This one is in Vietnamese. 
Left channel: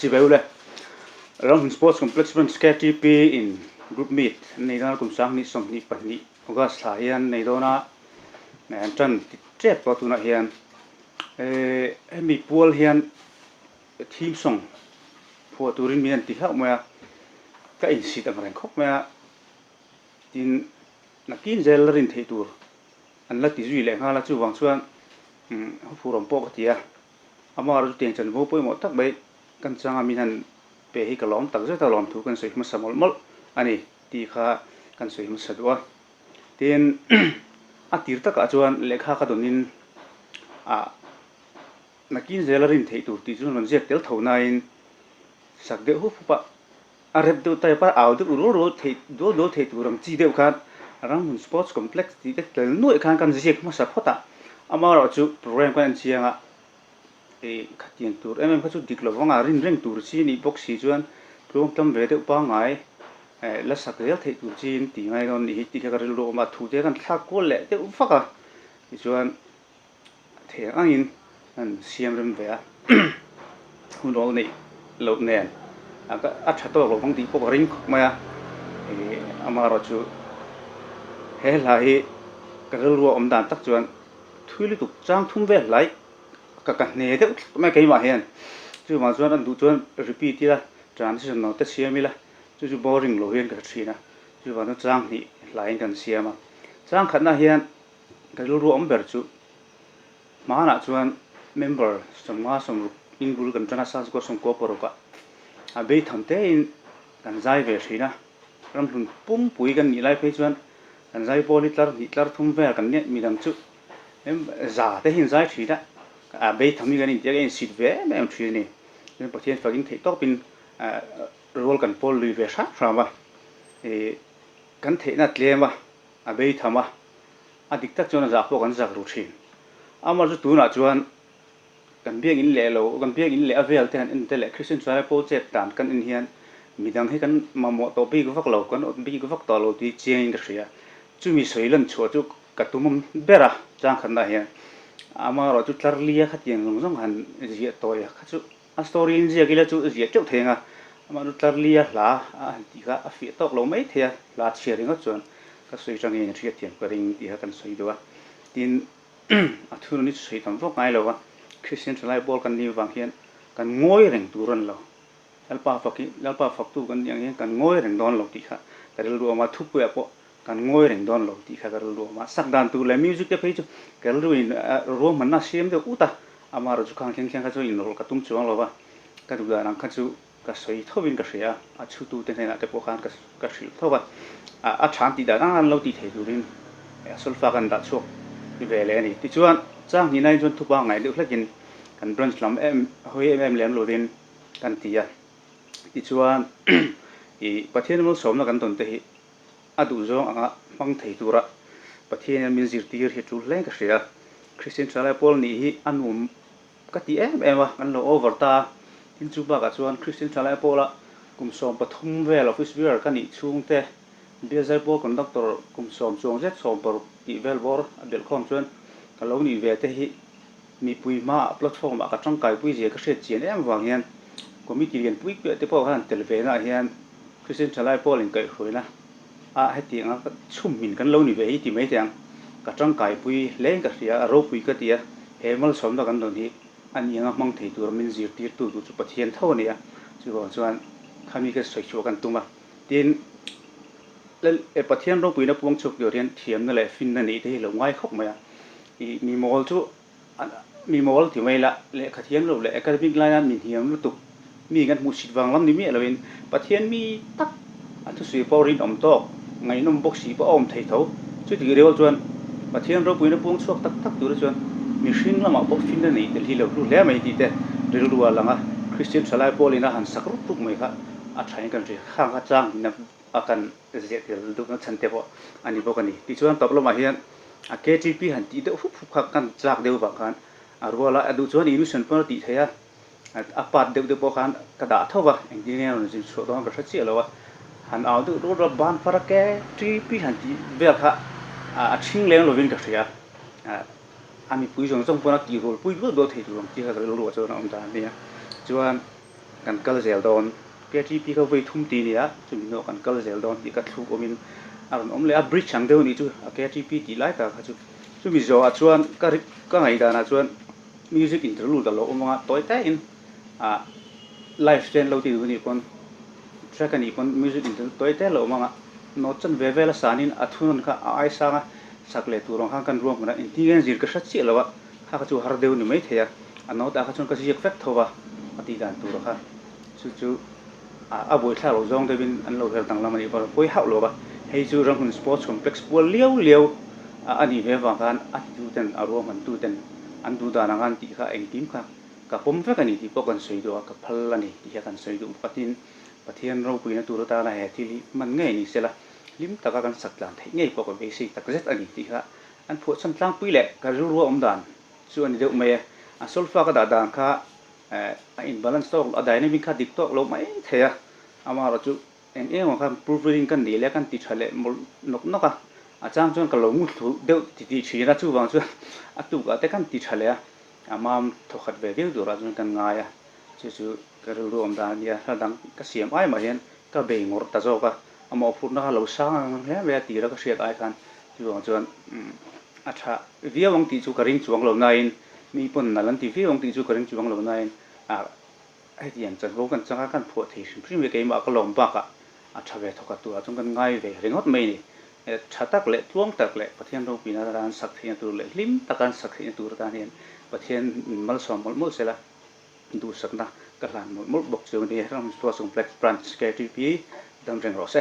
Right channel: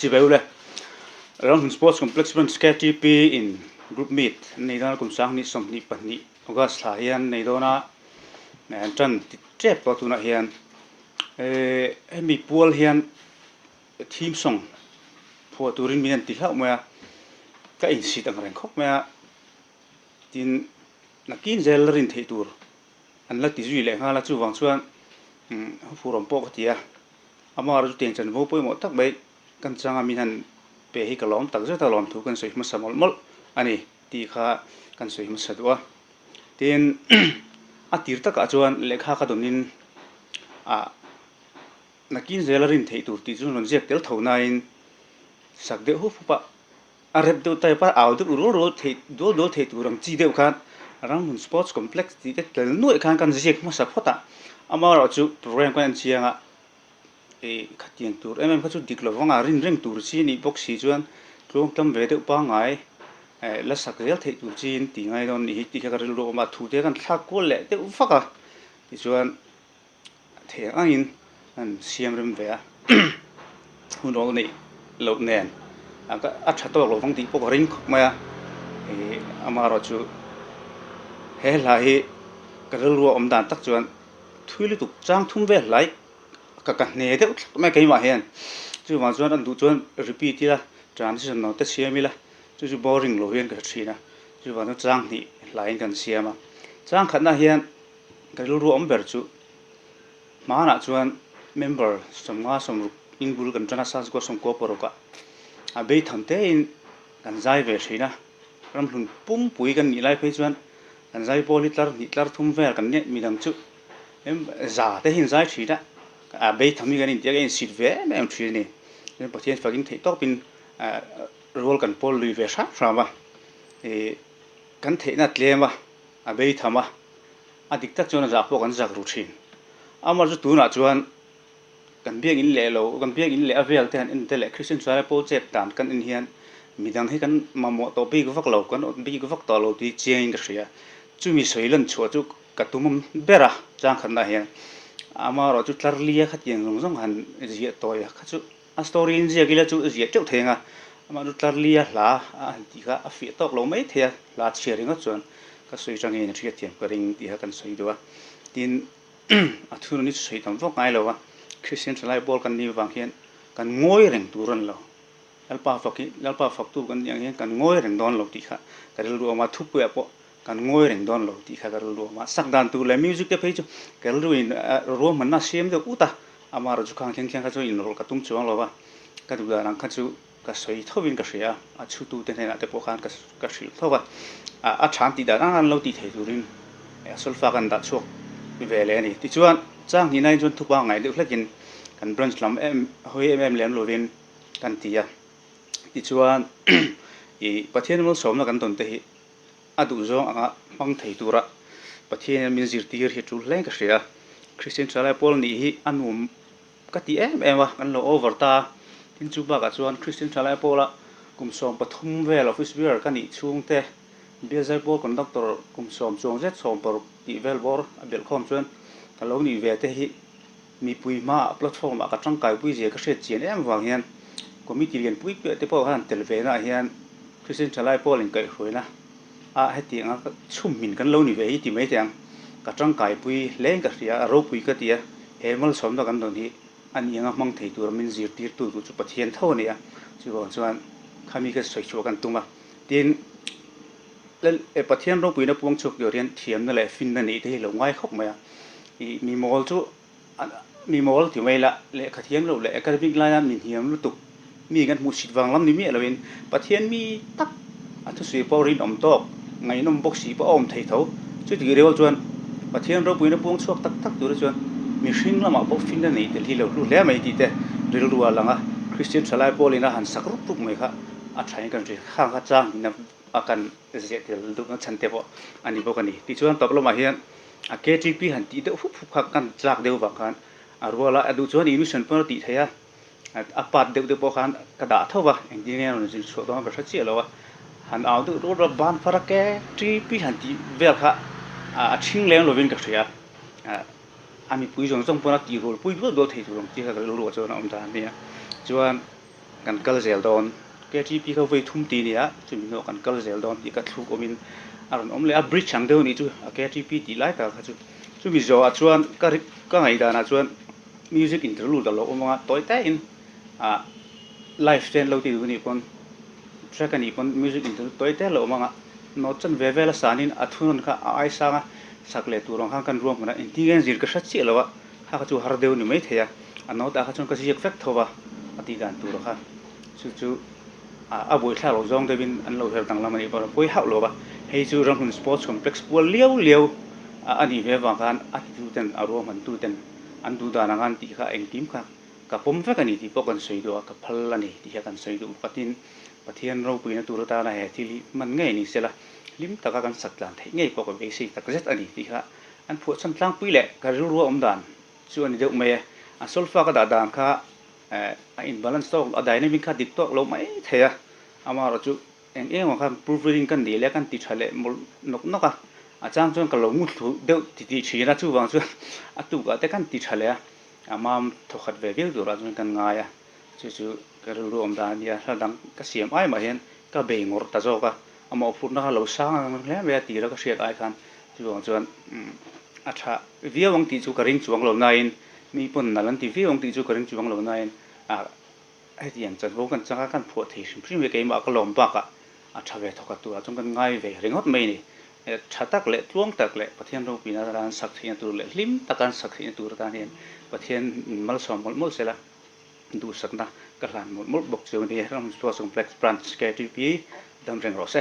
chỉ vậy thôi rong sports complex bên KTP in group meet này đó cũng sáng ni song ni pan ni August là hiền này đó na anh chân chết vào tu na hiền em bị buol hiền team song phô turin miền tây khác mà cái in sĩ tăng rèn khóc mà tin là kín zel rin thấy tur anh là tí duy lệ ha là chú vàng xuân phù đồng bộ cái tiệt ama rồi tiền chân vô bôi một tắc bấy căn trang amin han pe hi kalom tak zeta lom thu kan soi ma samol mol ani ti kha kan soi ma sadwa tin a tir tak a chuan lekha ka donin a nakin zelarin thei tur ti chun jek tel thona in sak de hu pa a rep de tai pa aw de ro thei do thei turam chi de khan rang sports complex ti de tel noi khan kan jek ma sa phota ama ro chu program kan chianga khát tiền tour em có chút địch lo vong rin reng tour chi ni box si chuan long tam ve de pa ngai la sak rel thei tour chin ti ngai don hi ti ka rel ro ma thu te kan thla ko le te u faka ti chuan the angin an siam rem ve a hun ro nei lo nen a tha to lo vong ti po ring ma ama ro chu he la hi ka rel ro om dan tak chuan thui lu tuk chang thum ve lai các nề đấy mấy cái mà hiện chứ mà cho anh đủ cho repeat thì là transition nó tất nhiên mi là chứ boring lâu hiện cái chuyện na chứ mà nó trang thì lại cái chuyện mà trang khẩn na hiện cái lúa ruộng bер chứ mà na cho anh member some nga some in bul kan trana sas go some ko poro ka a be tham te in kan zai ve chuyện na ram hun pum pui kan ni lai pe chuan kan zai politlar thum ve kan ne mi dam chu em za te hin zai chuyện na bây thằng mình cái này cái xịt vé em chuyện này nên bác sĩ phải kinh thấy tốt pin role cần Paul lùi về sát sao mà thì cần thấy nát liền mà bây thằng mà đích thực cho nó giả bộ cần giả routine mà rồi tu nào chuan cần biết in lệ lâu cần biết in lệ về thì anh thế lệ Christian Science project đàn cần in hiện mình đang thấy cần mà một tổ bi của phát lâu cần bi của phát tổ lâu thì change cái gì chú mình sấy lên chỗ chú cả tụi mình biết à chẳng khẩn đại hiện ama ro chu tlarlia khat yang zong han zia toya khachu a story in zia gila chu zia chau thenga ama ru tlarlia la a ti ga a fi tok lo mai thea la sharing a chuan ka soi chang in thia thiam ka ring ti ha kan soi dewa tin a thunu ni soi tam vok ngai lo wa Christian Salai bol kan ni wang hian kan ngoi reng turon lo lalpa faktu kan yang hian kan ngoi reng don lo ti kha ka ru ma thu pu po kan ngoi reng don lo ti kha ka ru ma sak dan tu le music te phei chu ka ru in ro man na siam de uta ama ro chu khang kheng kha chu in rol ka tum chuang lo wa ka du da rang kha chu ka sei thobin ka sia a chu tu te na te po khan ka sil thowa a chan ti da an lo ti thei durin sol fa kan da chok ve le ni ti chuan chang ni nai chun thu pa ngai de flekin kan branch lam em hoi em len lovin kan ti ya ti chuan i pathian mo som na kan ton te hi adu zo anga mang thei tura pathian min zir tir hi tu leng ka sia Christian Salai Paul ni hi anum ka ti em wa kan lo over ta tin chu ba ka chuan Christian Salai Paul a kum som pathum vel office beer kan ni chung te bezai po conductor kum som chung zet som por ti vel bor abel khom chuan ka lo ni ve te hi mi pui ma platform a ka tang kai pui je ka hret chen em wang hian committee lian pui pe te po han tel ve na hian Christian Salai Paul in kai hroina a heti nga chum min kan lo ni ve hi ti mai tiang ka tang kai pui leng ka ria ro pui ka tia hemal som da kan don hi ani anga mang thei tur min zir tir tu chu pathian tho ne a chu ron chuan khami ka soi chu kan tunga tin le pathian ro pui na puang chuk yo rian thiam na le fin na ni te lo ngai khop ma i mi mol chu mi mol ti mai la le khathian lo le academic line min hiam lu tu mi gan mu sit wang lam ni mi aloin pathian mi tak a thu sui porin om to ngai nom box si pa om thei tho chu ti reu chuan pathian ro pui na puang chuak tak tak tur chuan mi hring lama bo fin na ni te hi lo lu le mai ti te ril ruwa langa Christian Salai Paul ina han sakru tuk mai kha a thain kan ri khang kha chang na akan zia tel du kan chan te bo ani bo kani ti chuan tablo ma hian a KTP han ti de hup hup kha kan chak deu ba khan a ruwa adu chuan emission per ti theya a pat de bo khan ka da thoba engineer no jin so dong ka tha chi lo wa han au de ro ban fara KTP han ti vel kha a thing leng lovin ka ria ami pui jong jong pona ti rol pui do thei tu ti ka lo ro cho na om da ni chuan กันกัลเซลดอนแกที่พี่เขาไปทุ่มตีนี่ละจุดโนกันกัลเซลดอนที่กัดทุกอมินอารมณ์อมเลยอับริชชังเดินนี่จูแกที่พี่ที่ไล่กันจูจูมีจอชวนก็ไงแต่นะชวนมิวสิกอินเทอร์ลูดตลอดอมว่าตัวแต่อินไลฟ์สไตล์เราที่ดูนี่คนแทร็กนี่คนมิวสิกอินเทอร์ตัวแต่เราอมว่าโน้ตจันเวเวลสานินอัทุนค่ะไอ้สางสักเลตัวรองข้างกันรวมกันอินทิเกนจิรกษัตริย์เสียแล้วว่าถ้าเขาจูฮาร์เดวนี่ไม่เทียอันโน้ตเขาจูก็จะเฟกทว่าอดีตอันตัวค่ะจูบุยท่าเราจงได้บินอันเราเห็นต่างละมันอีกว่าบุยหาเราบ่ให้จูรังคุณสปอร์ตคอมเพล็กซ์บัวเลี้ยวอันนี้เว้ยว่ากันอันดูเต็นอารมณ์มันดูเต็นอันดูดานังกันที่เขาเองทีมค่ะกับผมเฟกันนี่ที่พวกกันสวยดูกับพลันนี่ที่เขากันสวยดูปะทินเราปุยนะตัวเราตาละเหตุที่มันง่ายนี่เสียละลิมตะกันสักหลังง่ายพวกกันเบสิกตะกันเจ็ดอันนี้ที่เขาอันพวกสันตั้งปุยแหละก็รู้อมดานส่วนเดียวไม่อันโซลฟ้าก็ด่านค่ะอินบาลานซ์ต้องอะไรนี่มีค่าดิบตัวเราไม่เทียอามาเราจุเองว่าคันพรูฟรีกันดีแล้วกันติดทะเลมนกอ่ะอาจารย์ส่วนก็ลงมุดเดี๋ยวติดชีนะจู่บางส่วนตุกแต่กันติดทะเลอามาทุกขัดเวกิดูเราส่วนกันง่ายจู่ก็รู้อมดานเนี่ยถ้าดังก็เสียมไอ้มาเห็นก็เบ่งหมดตาโจก็อามาพูดนะคะเราสร้างเนี่ยเวลาตีแล้วก็เสียไอ้กันจู่บางส่วนอาชาวิววังตีจู่กระริ่งจู่บางเราไงมีปนนั่นลันตีวิววังตีจู่กระริ่งจู่บางเราไงไอ้ที่อย่างจะรู้กันจังกันพวกที่สิ่งที่มีเกมก็ลงปากอาชาเวทก็ตัวจงกันง่ายเวเรื่องไม่นี่ชัดตักเละท่วงตักเละประเทศเราปีนั้นสักที่ตัวเละลิมตะการสักที่ตัวการเห็นประเทศมัลสอมมัลเสละดูสักนะกระลานมัลบกเสียงดีเราตัวส่งแฟลกส์บรันช์แกทีพีดังเริงรอเซ่